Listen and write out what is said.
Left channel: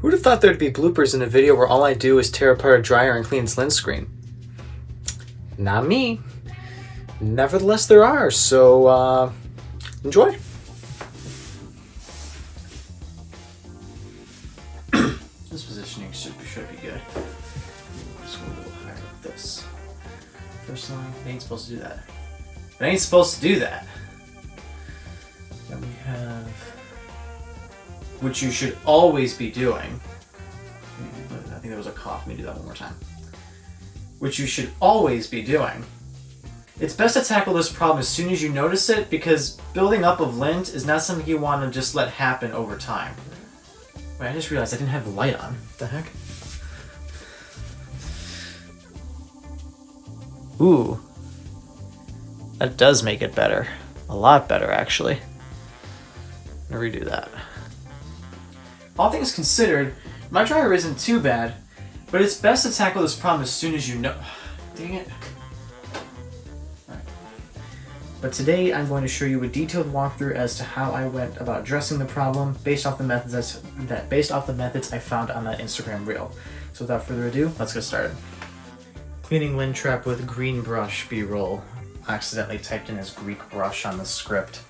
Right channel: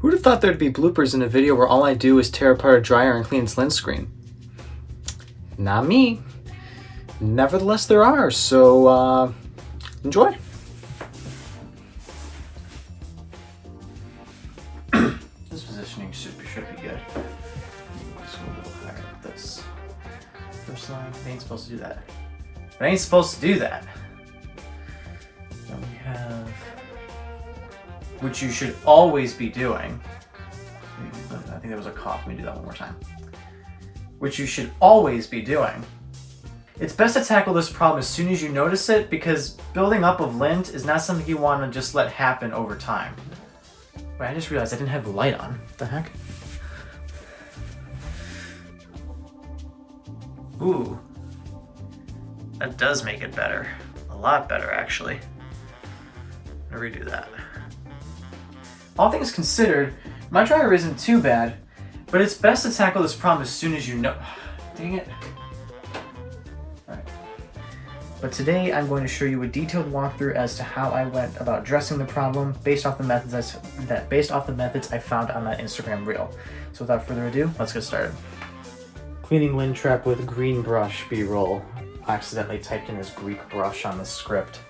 Who'd have thought there'd be bloopers in a video where all I do is tear apart a dryer and clean its lint screen? Not me. Nevertheless, there are, so enjoy. This positioning should be good. Just go a little higher like this. First line, I ain't supposed to do that. I ain't supposed to do that. Then we have, which you should always be doing. I think there was a cough. Let me do that one more time. Which you should always be doing. It's best to tackle this problem as soon as you notice it, because building up of lint is not something you want to just let happen over time. Wait, I just realized I didn't have the light on. What the heck? Ooh. That does make it better. A lot better, actually. I'm gonna redo that. All things considered, my dryer isn't too bad, but it's best to tackle this problem as soon as you know. Dang it. Alright. But today I'm going to show you a detailed walkthrough as to how I went about addressing the problem based off the methods I found on that Instagram reel. So without further ado, let's get started. Cleaning lint trap with green brush B-roll. Accidentally typed in as Greek brush on the script.